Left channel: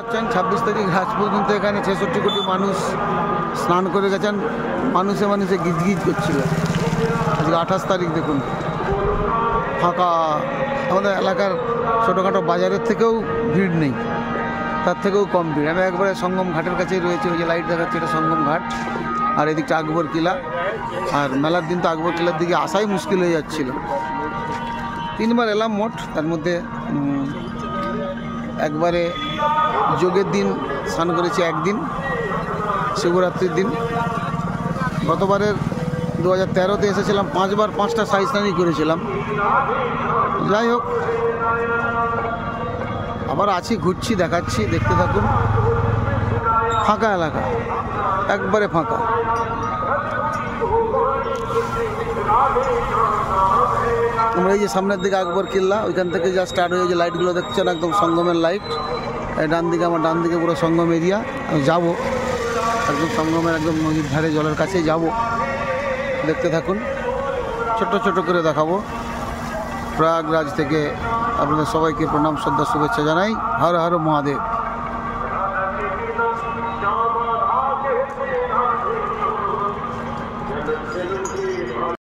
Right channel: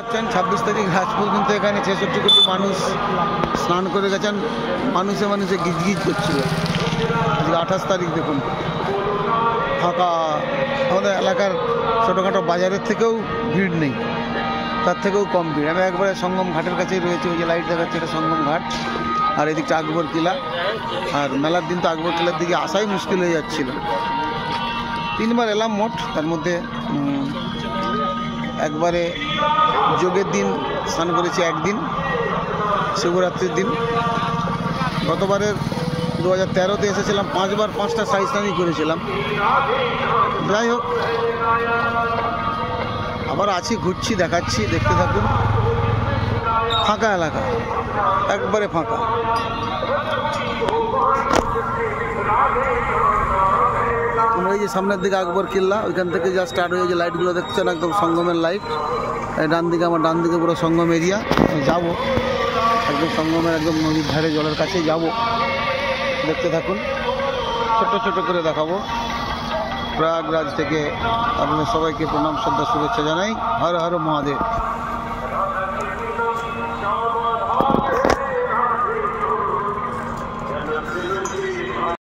26 তারিখ রাত পর্যন্ত এখানে 66 কোটি মানুষ স্নান করে গেছেন। মানুষে মানুষে গিজগিজ করছিল। আজকে 28 তারিখ দেখুন, ফাঁকা। আমাদের এলাকার ছোটোখাটো বাজারের থেকেও ভিড় নেই, তার থেকেও কম ভিড়। আমি একবারে সঙ্গম ঘাটের কাছেই রয়েছে, ওই যে লাইট দেখাচ্ছে এটা সঙ্গম ঘাট, আর এদিকটা আকবর কিলা। আর মেলার দিন তো আকবর কিলার দিকে আসাই মুশকিল হয়ে যাচ্ছিল। 3 বার এলাম মোট, তার মধ্যে একবারে যোগের দিন স্নান করেছি, একদিন শিবরাত্রির দিন। গতবারের 2013-তে এসেছিলাম, 5 বার 5টা সাই স্নানই করেছিলাম। যাই হোক, আবার আছি, ঘুরছি, দেখাচ্ছি, দেখতে থাকুন। ফাঁকা এলাকা, একবারে ফাঁকা। এই যে সামনের দিকে আকবর কিল্লা, ওইখান থেকে যা স্টার্ট হয়ে যে লাইটগুলো দেখছেন একদম সঙ্গমের লাইট। ডান দিকে, আমার ডান দিকে পুরো সঙ্গম এরিয়া। যাব একদম সঙ্গমের একদম নদীর ধারে জলের কাছেই যাব, দেখতে থাকুন। ছোট ছোট করে দেখাবো। প্রয়াগরাজ থেকে আপনাদের সবাইকে প্রণাম, শ্রদ্ধা, শুভেচ্ছা জানাই। হর হর মহাদেব।